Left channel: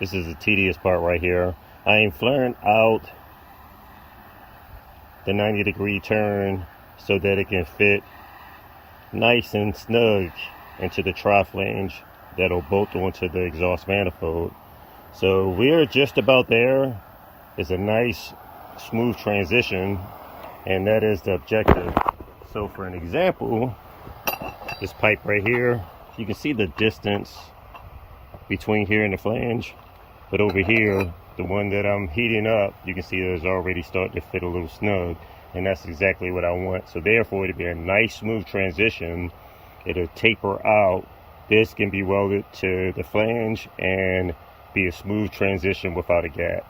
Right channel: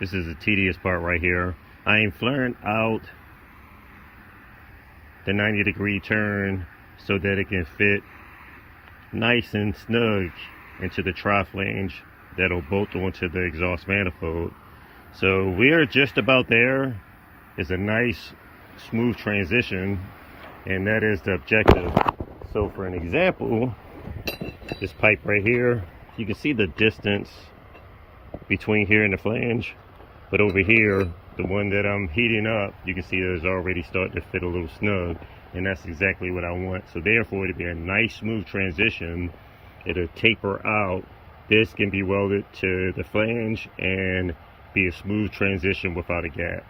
This is the tedious part right here. I am flaring out the 90-degree turn so that it can fit nice and snug into the tri-flange that'll bolt onto the exhaust manifold. So we're just about there. It's a nice smooth transition, and that is the objective. So for an example, this pipe right here, you can see the distance between here and the flange, but over here, the one that I'm heating up, you can see it's already starting to fit a little snug, and that's exactly what I want. So therefore, it'll be a nice smooth transition. It'll taper out. This can be welded to the flange and be a smooth transition without a gap.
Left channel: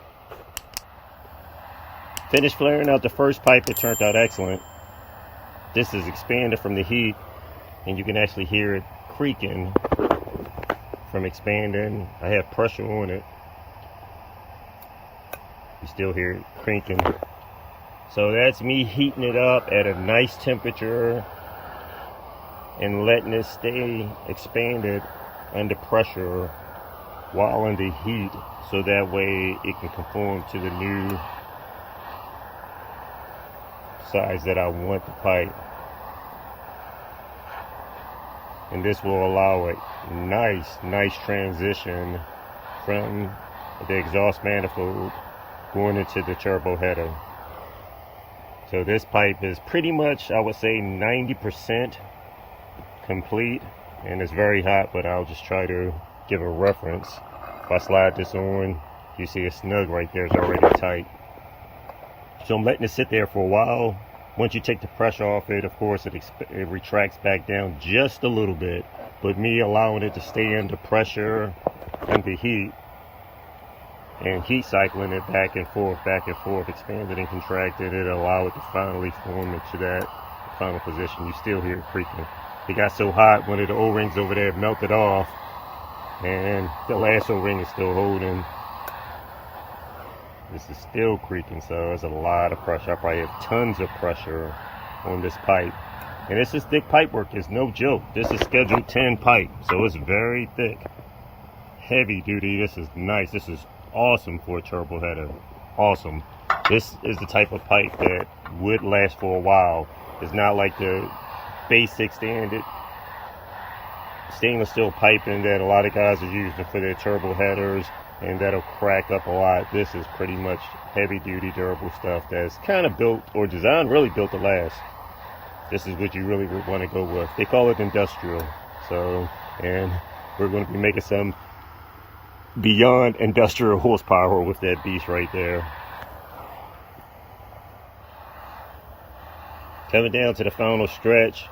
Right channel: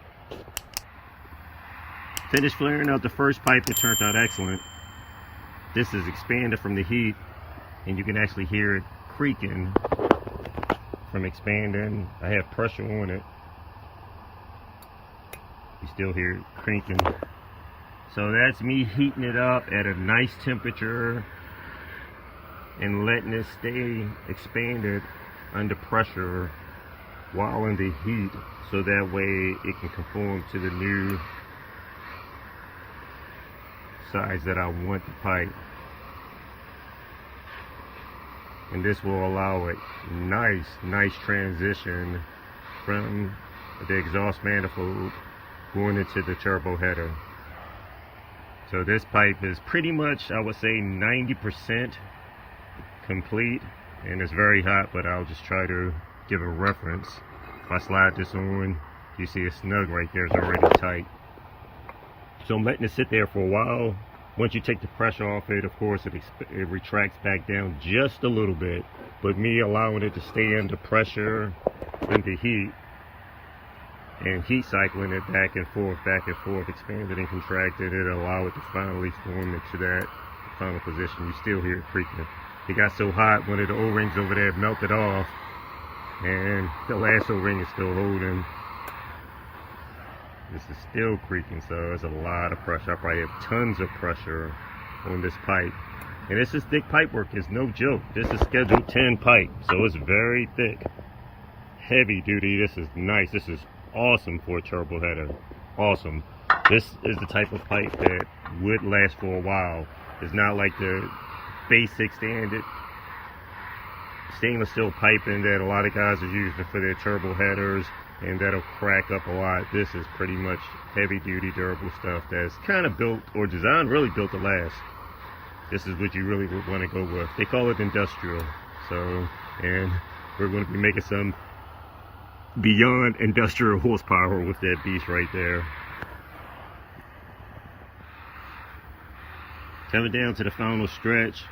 Finished flaring out the first pipe. It turned out excellent. This is expanded from the heat, and you can actually hear it creaking from expanding. I have pressure on it. You still hear it cranking. So that's me heating it up at a nice temperature and letting it stay expanded under pressure while in the heat, so that way it can conform to the new size that I want the pipe. And this will allow a nice transition from the exhaust manifold going into the turbo header. So this pipe is pretty much, I would say, 90% complete, and it's very hot, but I'll just try to give a reference. If I slide this on, you see it's snug right there, it's already tight. So I'm letting it sit there for a while. Once you take the pressure off it, of course, it retracts back down just a little bit, but me allowing it to stay under pressure, under heat, and heat cycling it back and forth, expanded and contracted, it allow it to finally form into that final position. You still hear it creaking. It got so hot, one of the O-rings over there melted off, and the last O-ring is still holding. This is still creaking, so there's a lot of pressure. I probably have tons of pressure on this pipe. And this is thick pipe work, it's no joke. This is scheduled 10 pipe, so it's very thick. Heavy duty, this is nice. This is awesome for a turbo header. Awesome. This is the type of pipe that would last for a while. It's not like the basic standard stainless steel piping that a lot of guys are using for their turbo headers, and that'll crack up a lot. This is pretty much heavy duty durable stuff that's kind of built or designed, really built to last. This is what you really would want to go with. They call it industrial. So, and we're going to be making some beyond industrial horsepower with that beast right there. Coming down to the final stretch,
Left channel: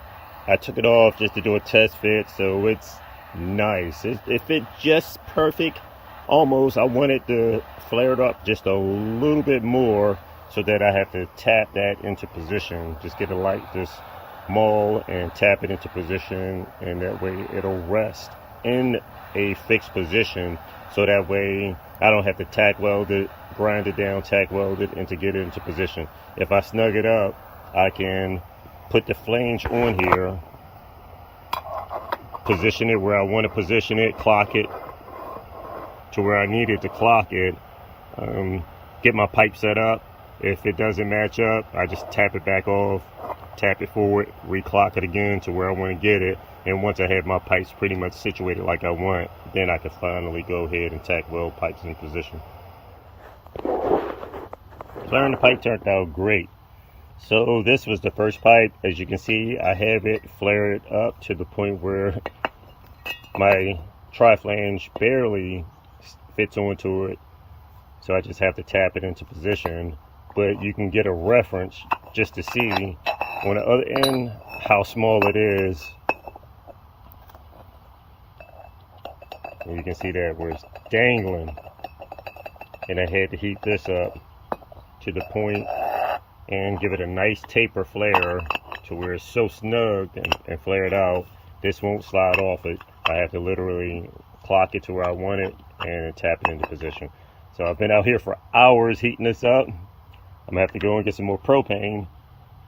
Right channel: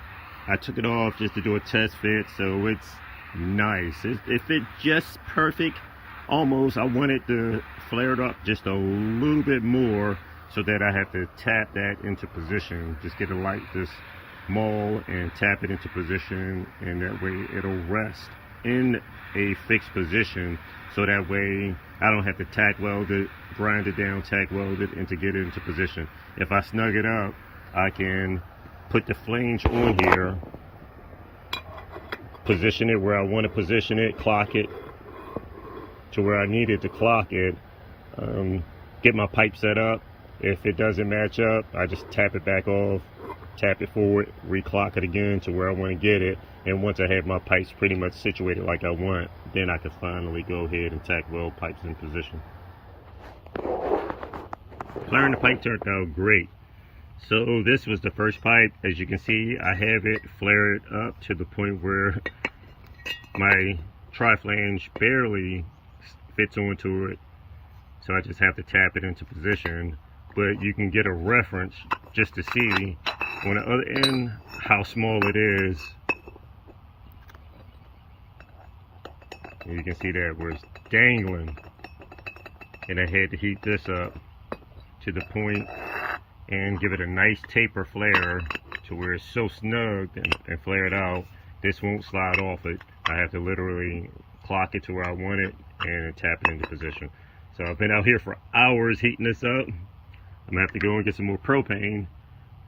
I took it off just to do a test fit, so it's nice. It fit just perfect. Almost. I wanted to flare it up just a little bit more so that I have to tap that into position. Just get a light, just maul and tap it into position, and that way it'll rest in a fixed position, so that way I don't have to tack weld it, grind it down, tack weld it, and to get it into position. If I snug it up, I can put the flange on here, position it where I want to position it, clock it to where I needed to clock it, get my pipe set up. If it doesn't match up, I just tap it back off, tap it forward, reclock it again to where I want to get it, and once I have my pipes pretty much situated like I want, then I can finally go ahead and tack weld pipes in position. Flaring the pipe turned out great. So this was the first pipe. As you can see, I have it flared up to the point where my tri-flange barely fits onto it, so I just have to tap it into position. But you can get a reference just to see on the other end how small it is. And you can see that where it's dangling, and I had to heat this up to the point and give it a nice taper flare to where it's so snug and flared out, this won't slide off it. I have to literally clock it to where I want it and tap it into position. So I've been out here for hours heating this up. I'm gonna have to go and get some more propane,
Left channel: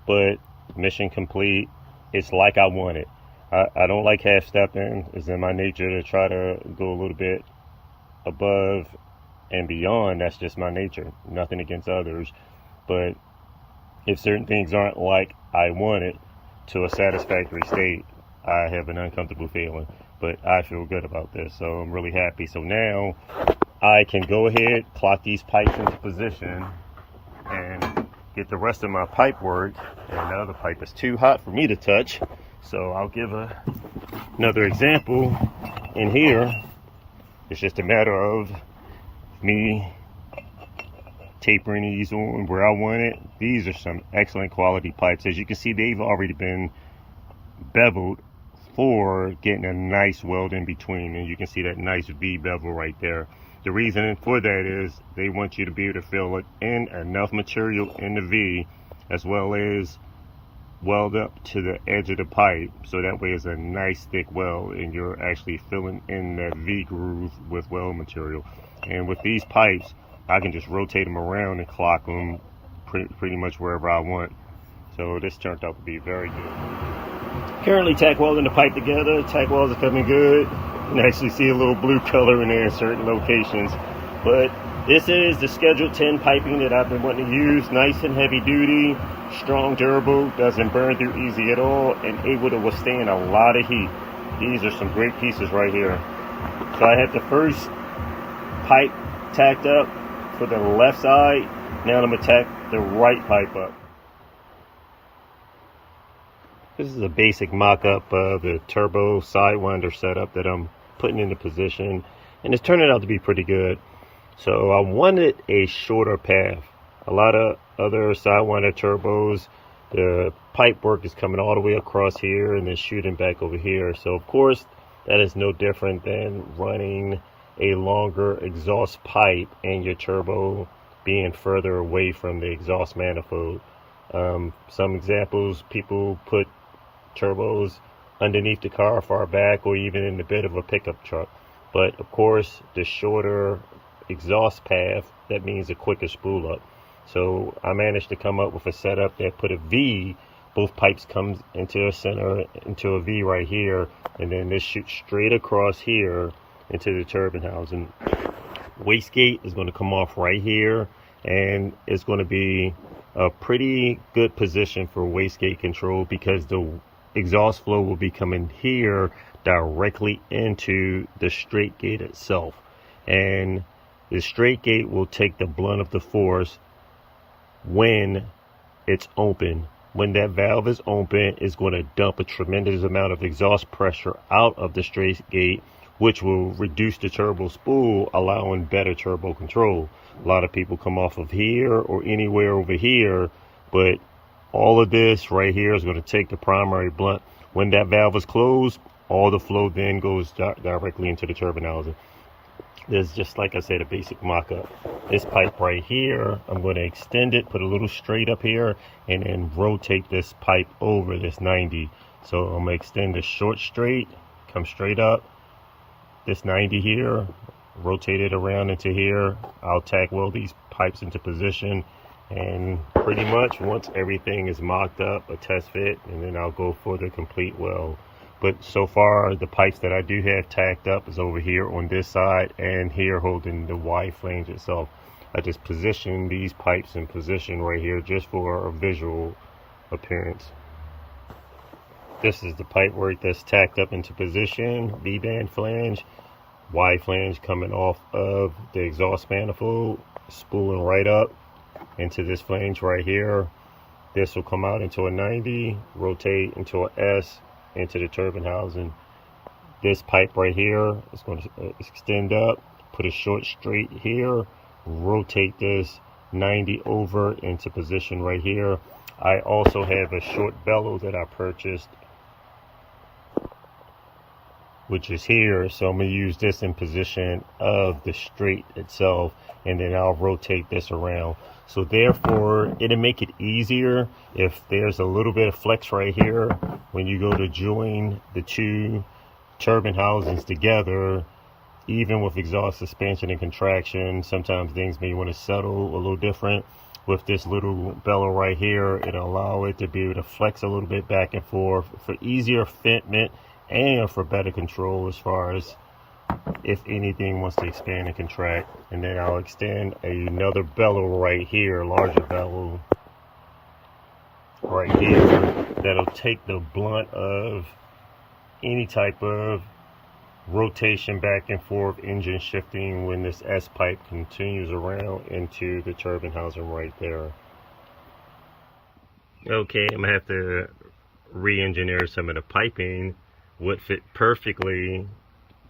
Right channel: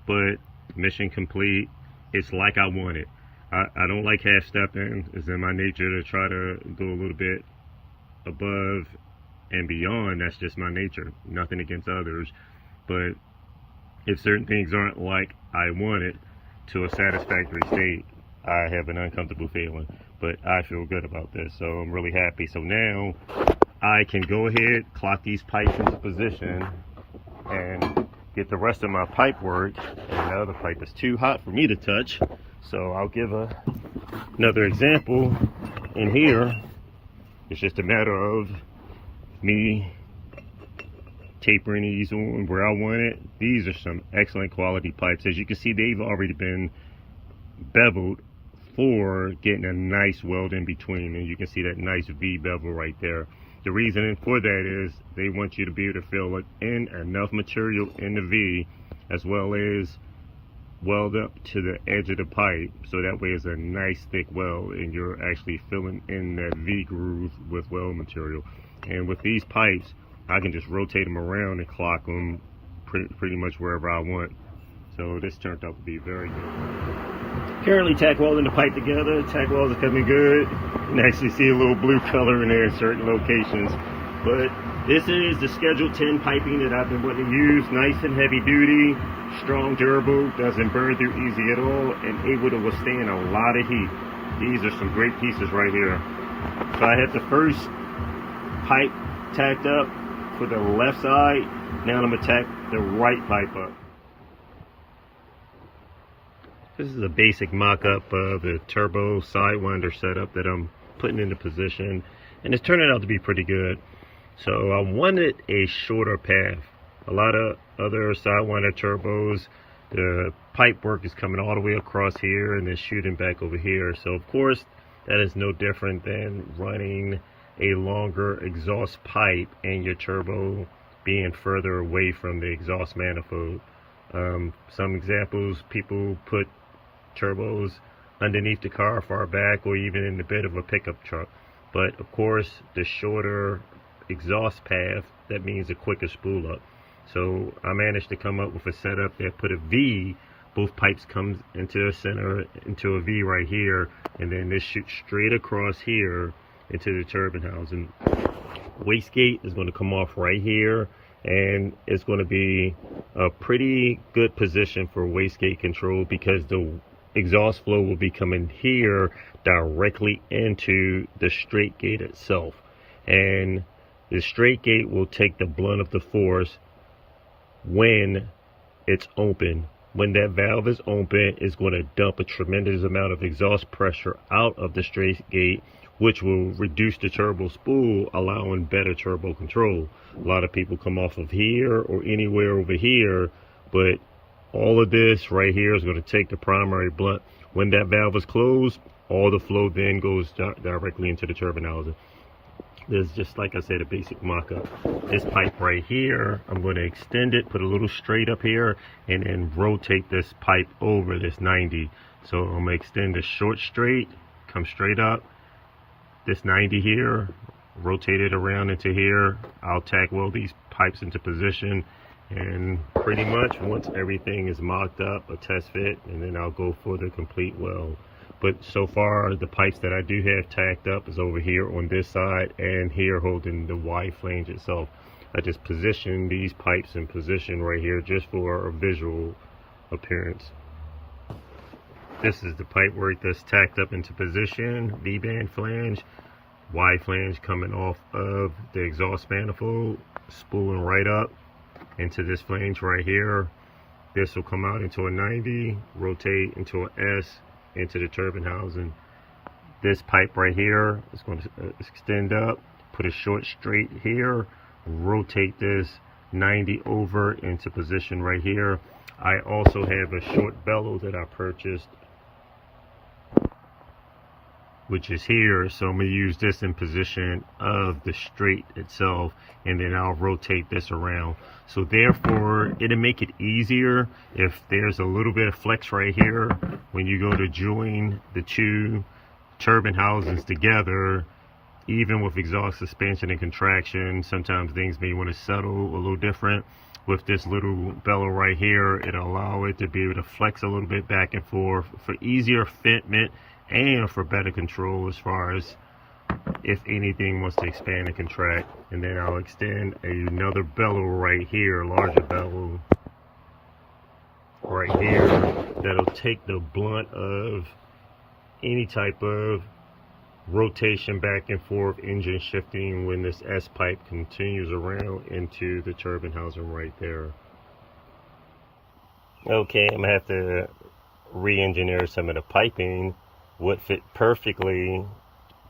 but mission complete. It's like I want it. I don't like half stepping. It's in my nature to try to go a little bit above and beyond, that's just my nature. Nothing against others, but if certain things aren't like I want it to a satisfactory state, I have an uncomfortable feeling. But I feel good about this, so I'm really happy. So now I can go ahead, clock these pipes into position, and get the rest of my pipe work. And the other pipe is too hot for me to touch, so I'll give another example. In here, it's just a matter of me tapering these on where I want it. These are some excellent quality pipes. As you can see, they've already been beveled for getting a nice weld in between, and you can see that nice V bevel right there. The reason for that is they want you to be able to fill in enough material in the V, as well as weld up to the edge of the pipe, so that way it's a nice thick weld and you're actually filling in that V groove with weld material. And with these pipes, I can just rotate them around and clock them pretty much wherever I want. So this turned out to be very good. Currently tack welding the pipe together. Tack welds are coming good. You can actually see a little blue color in there in certain locations. But this is the Schedule 10 piping that I've been wanting to use. Nice and heavy duty, strong, durable, doesn't burn through easy at all, and able to withstand a lot of heat. These are some great pieces right here. So I had the first pipe tacked up for the left side. Now I'm going to tack the right pipe up. This is a basic mock-up of the turbo sidewinder setup that I'm putting into position, and it's turning out to be pretty good. So I wanted a shorter path. A lot of other sidewinder turbos, the pipe work is coming all the way across here and then shooting back over here. So of course that is no different than running a longer exhaust pipe and your turbo being further away from the exhaust manifold. Some examples, people put turbos underneath the car, far back, or even in the bed of a pickup truck. But of course, the shorter exhaust path, that means a quicker spool up. So I managed to come up with a setup that put a V, both pipes come into a center, into a V right here, and then this shoots straight across here into the turbine housing. Wastegate is going to come off right here, and it's going to be a pretty good position for wastegate control because the exhaust flow will be coming here directly into the straight gate itself, and the straight gate will take the brunt of the force when it's open. When that valve is open, it's going to dump a tremendous amount of exhaust pressure out of the straight gate, which will reduce the turbo spool, allowing better turbo control. A lot of people come off of here or anywhere over here, but all of this right here is going to take the primary blunt. When that valve is closed, all the flow then goes directly into the turbine housing. This is just, like I said, a basic mock-up. This pipe right here, I'm going to extend it, put a little straight up here, and then rotate this pipe over this 90. So I'm going to extend this short straight, come straight up, this 90 here, rotate it around into here. I'll tack weld these pipes into position, and pretty much once everything is mocked up, a test fit, and then I'll go for the complete weld. But so far, the pipes that I do have tacked up is over here on this side and here holding the Y flange itself. I just position these pipes in position right here just for a visual appearance. This is the pipe work that's tacked up into position. V-band flange, Y flange coming off of the exhaust manifold, spooling right up into this flange right here. This will come out into a 90, rotate into a S, into the turbine housing. This pipe right here is going to extend up, put a short straight here, rotate this 90 over into position right here. I also have a short bellow that I purchased, which is here, so I'm going to use this in position of the straight itself, and then I'll rotate this around. So therefore, it'll make it easier if there's a little bit of flex right here when you go to join the two turbine housings together. Even with exhaust expansion and contraction, sometimes things may want to settle a little different. With this little bellow right here, it'll allow it to be able to flex a little bit back and forth for easier fitment and for better control as far as if anything wants to expand and contract. And then I'll extend another bellow right here, larger bellow right here, that'll take the blunt of any type of rotation back and forth, engine shifting, when this S pipe continues around into the turbine housing right there. Okay, I'm gonna have to re-engineer some of the piping. Would fit perfectly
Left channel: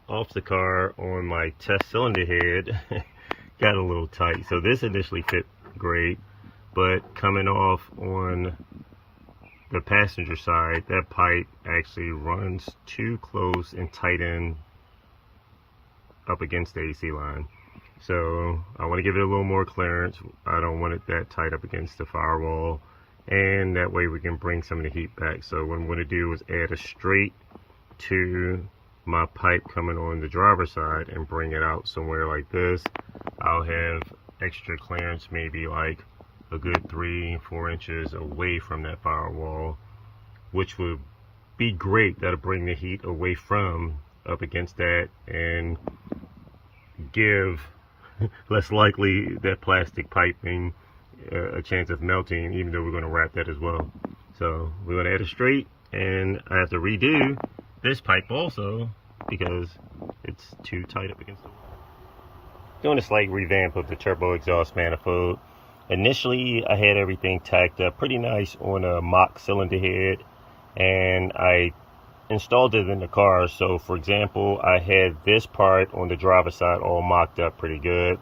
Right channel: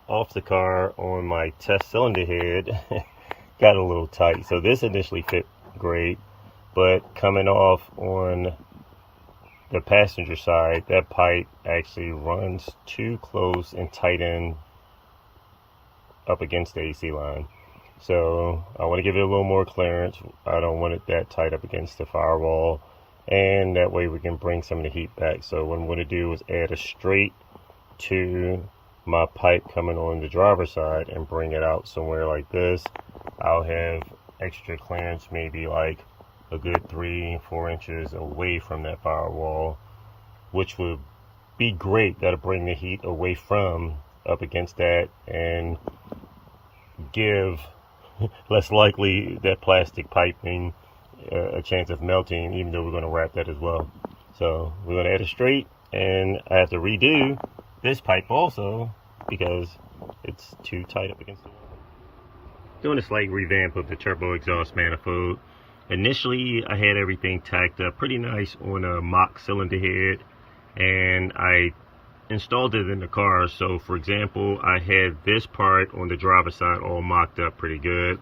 off the car on my test cylinder head. Got a little tight, so this initially fit great, but coming off on the passenger side, that pipe actually runs too close and tight in up against the AC line. So I want to give it a little more clearance. I don't want it that tight up against the firewall, and that way we can bring some of the heat back. So what I'm going to do is add a straight to my pipe coming on the driver's side and bring it out somewhere like this. I'll have extra clearance, maybe like a good 3-4 inches away from that firewall, which would be great. That'll bring the heat away from up against that and give less likely that plastic piping a chance of melting, even though we're going to wrap that as well. So we're going to add a straight, and I have to redo this pipe also because it's too tight up against the wall. Doing a slight revamp of the turbo exhaust manifold. Initially I had everything tacked up pretty nice on a mock cylinder head, and I installed it in the car. So for example, I had this part on the driver's side all mocked up pretty good.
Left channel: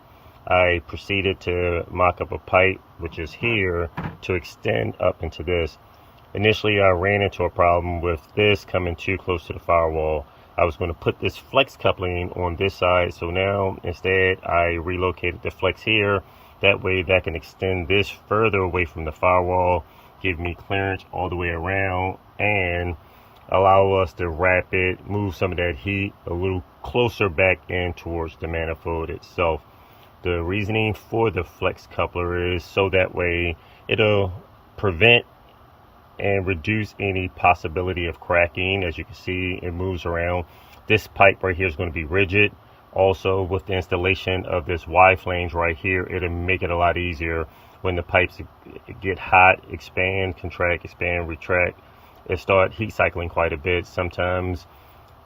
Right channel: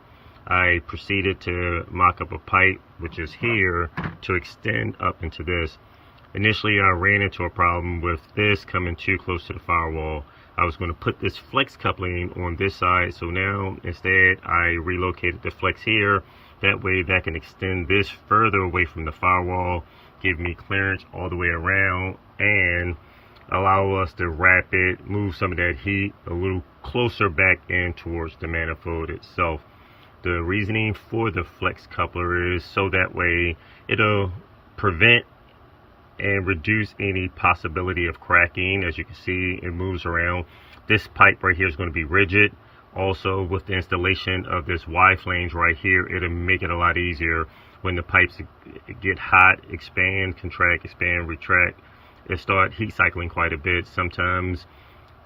I proceeded to mock up a pipe, which is here, to extend up into this. Initially I ran into a problem with this coming too close to the firewall. I was going to put this flex coupling on this side, so now instead I relocated the flex here. That way that can extend this further away from the firewall, give me clearance all the way around, and allow us to wrap it, move some of that heat a little closer back in towards the manifold itself. The reasoning for the flex coupler is so that way it'll prevent and reduce any possibility of cracking. As you can see, it moves around. This pipe right here is going to be rigid. Also, with the installation of this Y flange right here, it'll make it a lot easier when the pipes get hot, expand, contract, expand, retract. It start heat cycling quite a bit. Sometimes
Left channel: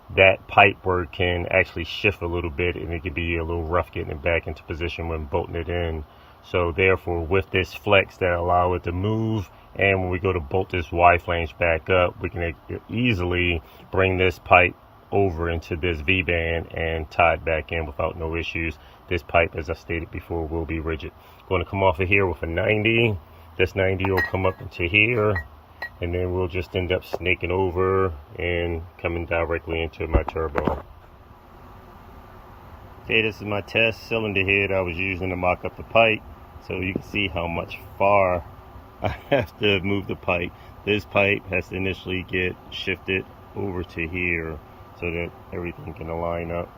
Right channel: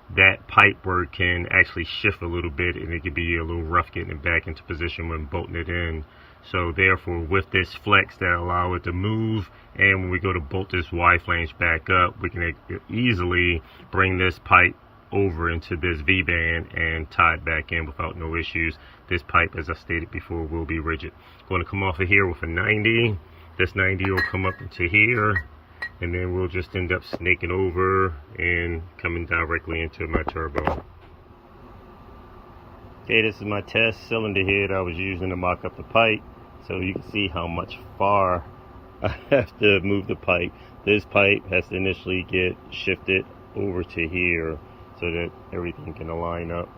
that pipe work can actually shift a little bit, and it can be a little rough getting it back into position when bolting it in. So therefore, with this flex that allow it to move, and when we go to bolt this Y flange back up, we can easily bring this pipe over into this V-band and tie it back in without no issues. This pipe, as I stated before, will be rigid. Going to come off of here with a 90. This 90 will come up into here, and then we'll just end up snaking over and coming directly into my turbo. Okay, this is my test cylinder head I was using to mock up the pipe, so you can see how much far I have to move the pipe. This pipe has to initially get shifted over to here so that everything can align up.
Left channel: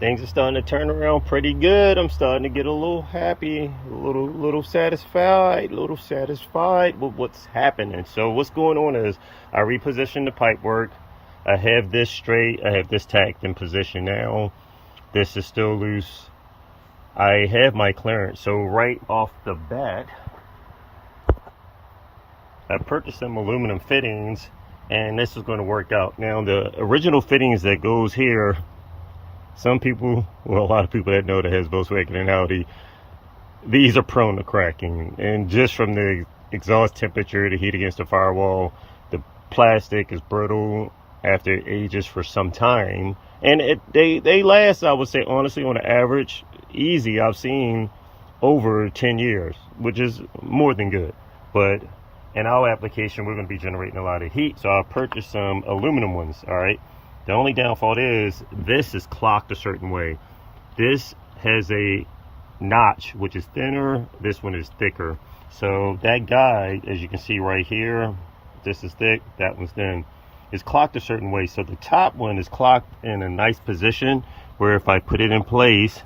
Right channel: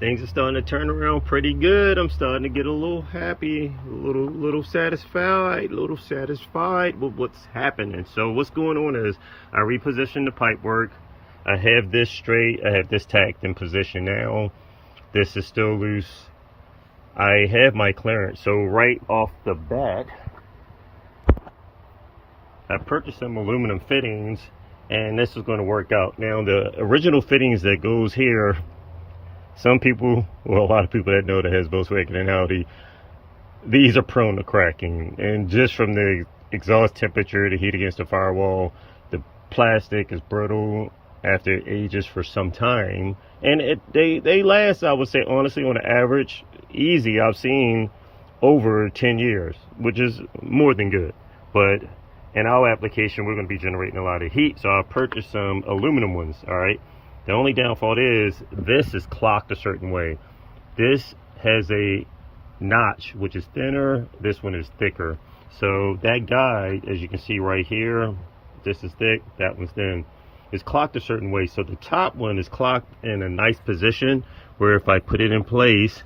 Things are starting to turn around pretty good. I'm starting to get a little happy, a little satisfied with what's happening. So what's going on is I repositioned the pipe work. I have this straight, I have this tacked in position now. This is still loose. I have my clearance. So right off the bat, I purchased some aluminum fittings, and this is going to work out. Now the original fittings that goes here, some people, well, a lot of people that know that has Volkswagen and Audi, these are prone to cracking. And just from the exhaust temperature, the heat against the firewall, the plastic is brittle after it ages for some time. And they last, I would say, honestly, on an average, easy, I've seen over 10 years, which is more than good. But in our application, we're going to be generating a lot of heat, so I purchased some aluminum ones, all right? The only downfall is this is clocked a certain way. This has a notch, which is thinner. This one is thicker. So that guide, as you can see right here, this is thick, that one's thin. It's clocked a certain way. So the top one is clocked in a nice position where if I put it in place,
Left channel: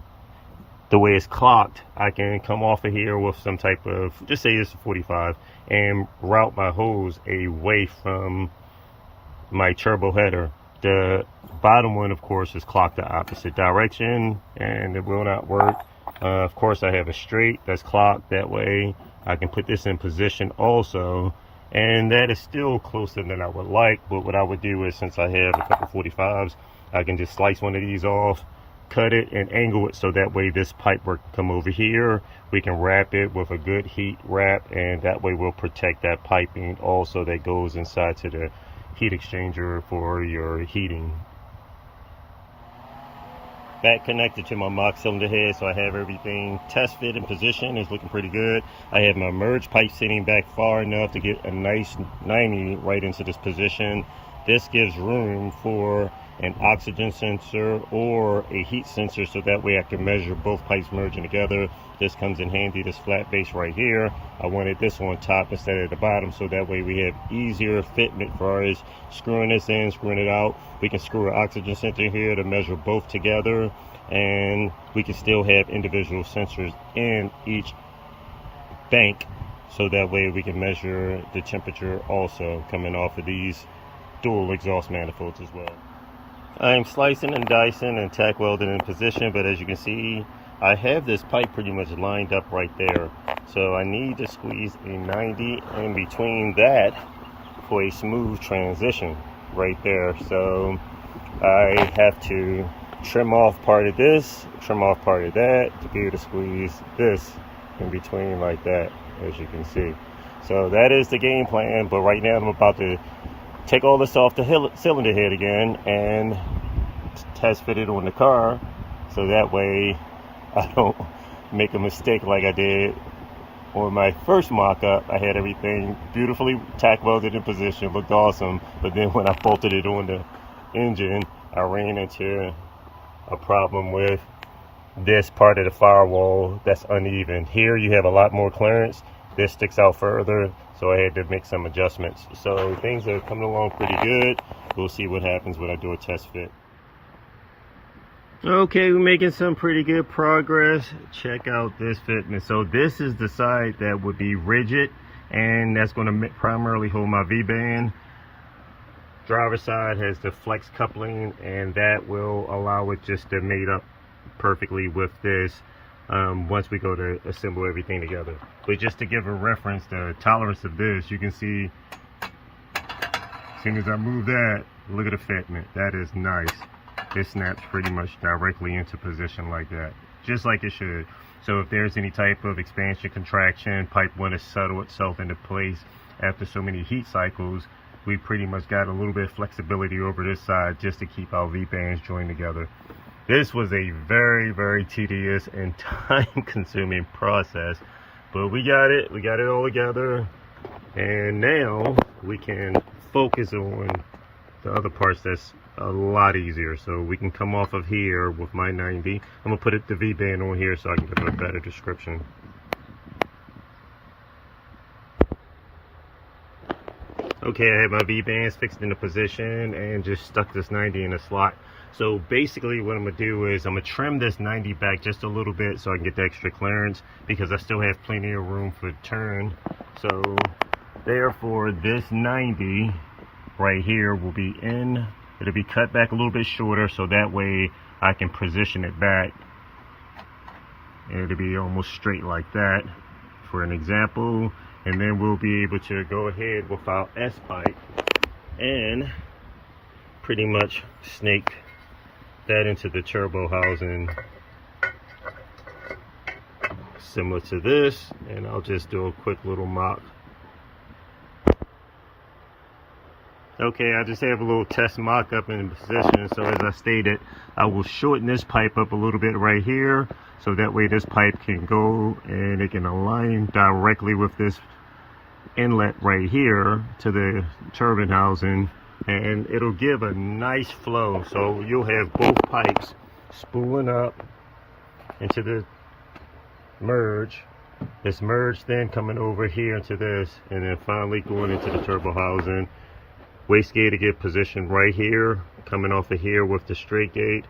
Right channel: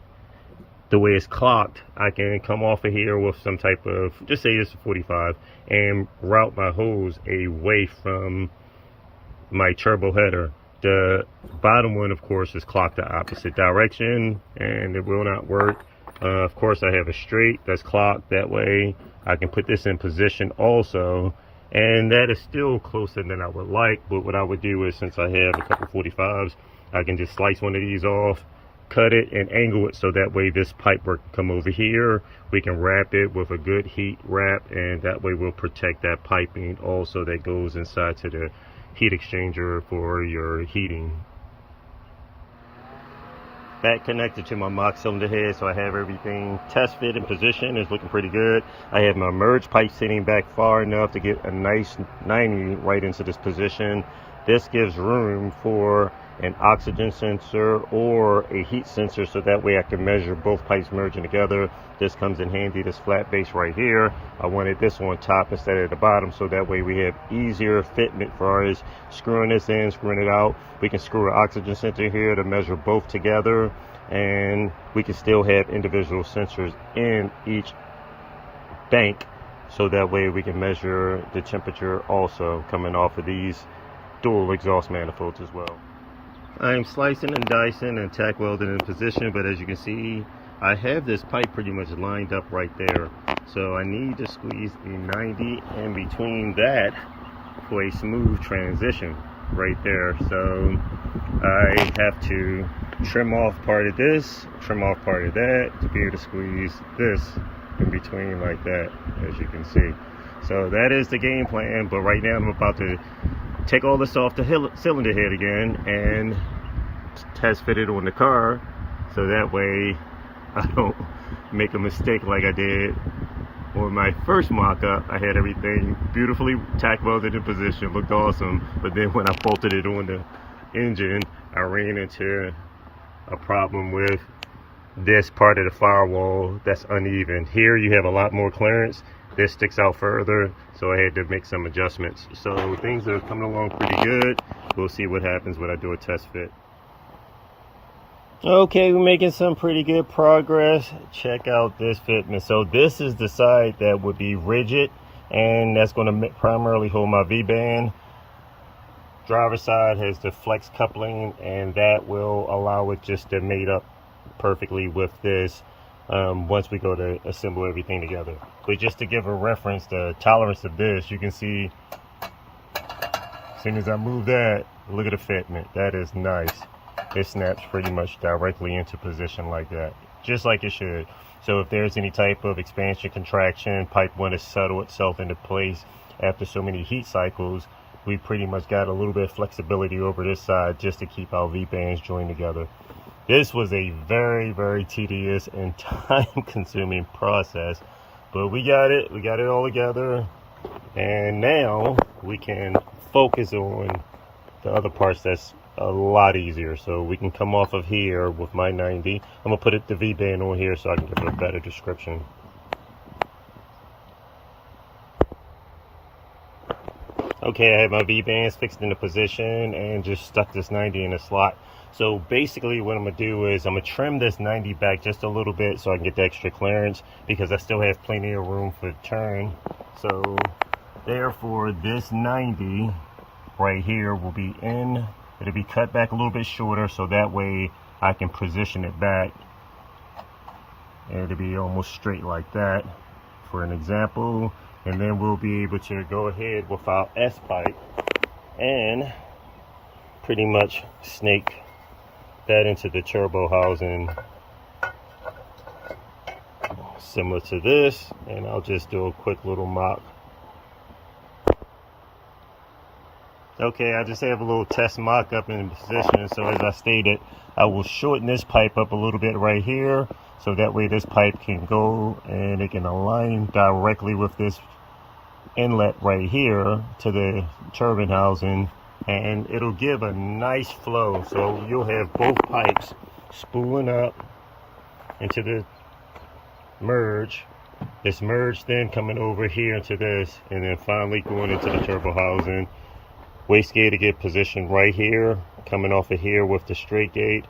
the way it's clocked, I can come off of here with some type of, just say this is 45, and route my hose away from my turbo header. The bottom one, of course, is clocked the opposite direction, and it will not work. Of course, I have a straight that's clocked. That way I can put this in position also, and that is still closer than I would like. But what I would do is, since I have a couple 45s, I can just slice one of these off, cut it and angle it so that way this pipe work can come over here. We can wrap it with a good heat wrap, and that way we'll protect that piping also that goes inside to the heat exchanger for your heating. Back connected to my mock cylinder head, so I have everything test fit in position. It's looking pretty good. I have my merge pipe sitting back far enough to get a nice 90 right into this position. This gives room for an oxygen sensor or a heat sensor, so that way I can measure both pipes merging together. This comes in handy, this flat base right here. I wanted this on top instead of the bottom, so that way we have easier fitment as far as screwing this in, screwing it out. We can screw an oxygen sensor here to measure both together, and we can still have individual sensors in each bank, so that way we can measure the temperature also coming off of these dual exhaust manifolds as well. I'm slicing and dicing and tack welding in position, but as you can see, I have this pipe pretty much lined up right there. So I need to squeeze a 90 in between that for a smooth transition right there. So I have to trim off part of this, trim off part of that to be able to squeeze this in between like that, as you can see. So that is the game plan, but right now I'm about to take all this off the cylinder head again and test fit it on the car, so that way I don't make a mistake like I did on my first mock-up. I had everything beautifully tack welded in position, looked awesome, but then when I bolted it on the engine, I ran into a problem with this part of the firewall that's uneven. Here you have a lot more clearance, this sticks out further, so I had to make some adjustments. So things are coming along pretty good. We'll see what happens when I do a test fit. Okay, we're making some pretty good progress. Check out this fitment. So this is the side that would be rigid, and that's going to primarily hold my V-band. Driver's side has the flex coupling, and that will allow it just to mate up perfectly with this once we go to assemble everything together. But just to give a reference, the tolerance of this, you can see as soon as I move that, look at the fitment. That is nice. It snaps pretty much directly into position like that, just like it should. So if there's any type of expansion, contraction, pipe want to settle itself into place after so many heat cycles, we pretty much got a little bit of flexibility over this side just to keep our V-bands joined together. This was a very, very tedious and time-consuming process, but we got it all together, and now we can focus on the other parts that's a lot easier. So we can come off of here with my 90. I'm gonna put the V-band on here so I can give a better description. Okay, I have my V-bands fixed into position and just stuck this 90 in a slot. So basically what I'm gonna do is I'm gonna trim this 90 back just a little bit so I can get the extra clearance, because I still have plenty of room for turn. So therefore this 90 right here will be in, it'll be cut back a little bit shorter, so that way I can position it back and it'll be almost straight like that for an example. And then we'll be able to go ahead with our S pipe and pretty much snake that into the turbo housing similar to this, and I'll just do a quick little mop. Okay, I just have a little test mock up in position. So as I stated, I will shorten this pipe up a little bit right here, so that way this pipe can go and it can align directly with this inlet right here to the turbine housing, and it'll give a nice flow. So you'll have both pipes spooling up into the merge, this merge then coming over here into this, and then finally going into the turbo housing. Wastegate to get positioned right here, coming off of here with the straight gate.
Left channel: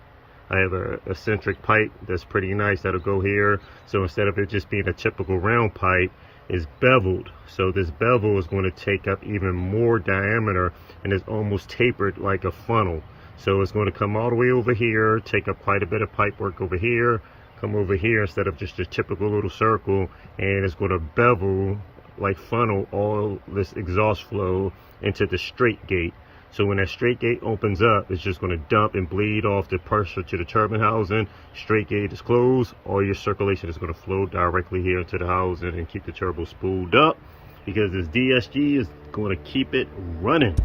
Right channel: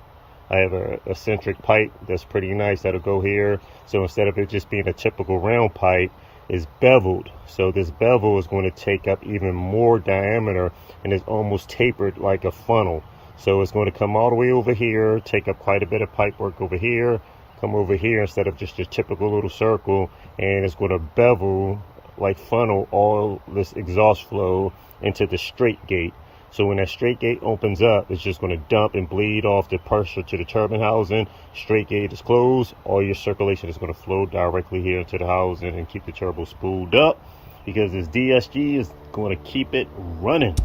I have a eccentric pipe that's pretty nice that'll go here. So instead of it just being a typical round pipe, it's beveled. So this bevel is going to take up even more diameter, and it's almost tapered like a funnel. So it's going to come all the way over here, take up quite a bit of pipe work over here, come over here instead of just your typical little circle, and it's going to bevel, like funnel all this exhaust flow into the straight gate. So when that straight gate opens up, it's just going to dump and bleed off the pressure to the turbine housing. Straight gate is closed. All your circulation is going to flow directly here into the housing and keep the turbo spooled up, because this DSG is going to keep it running.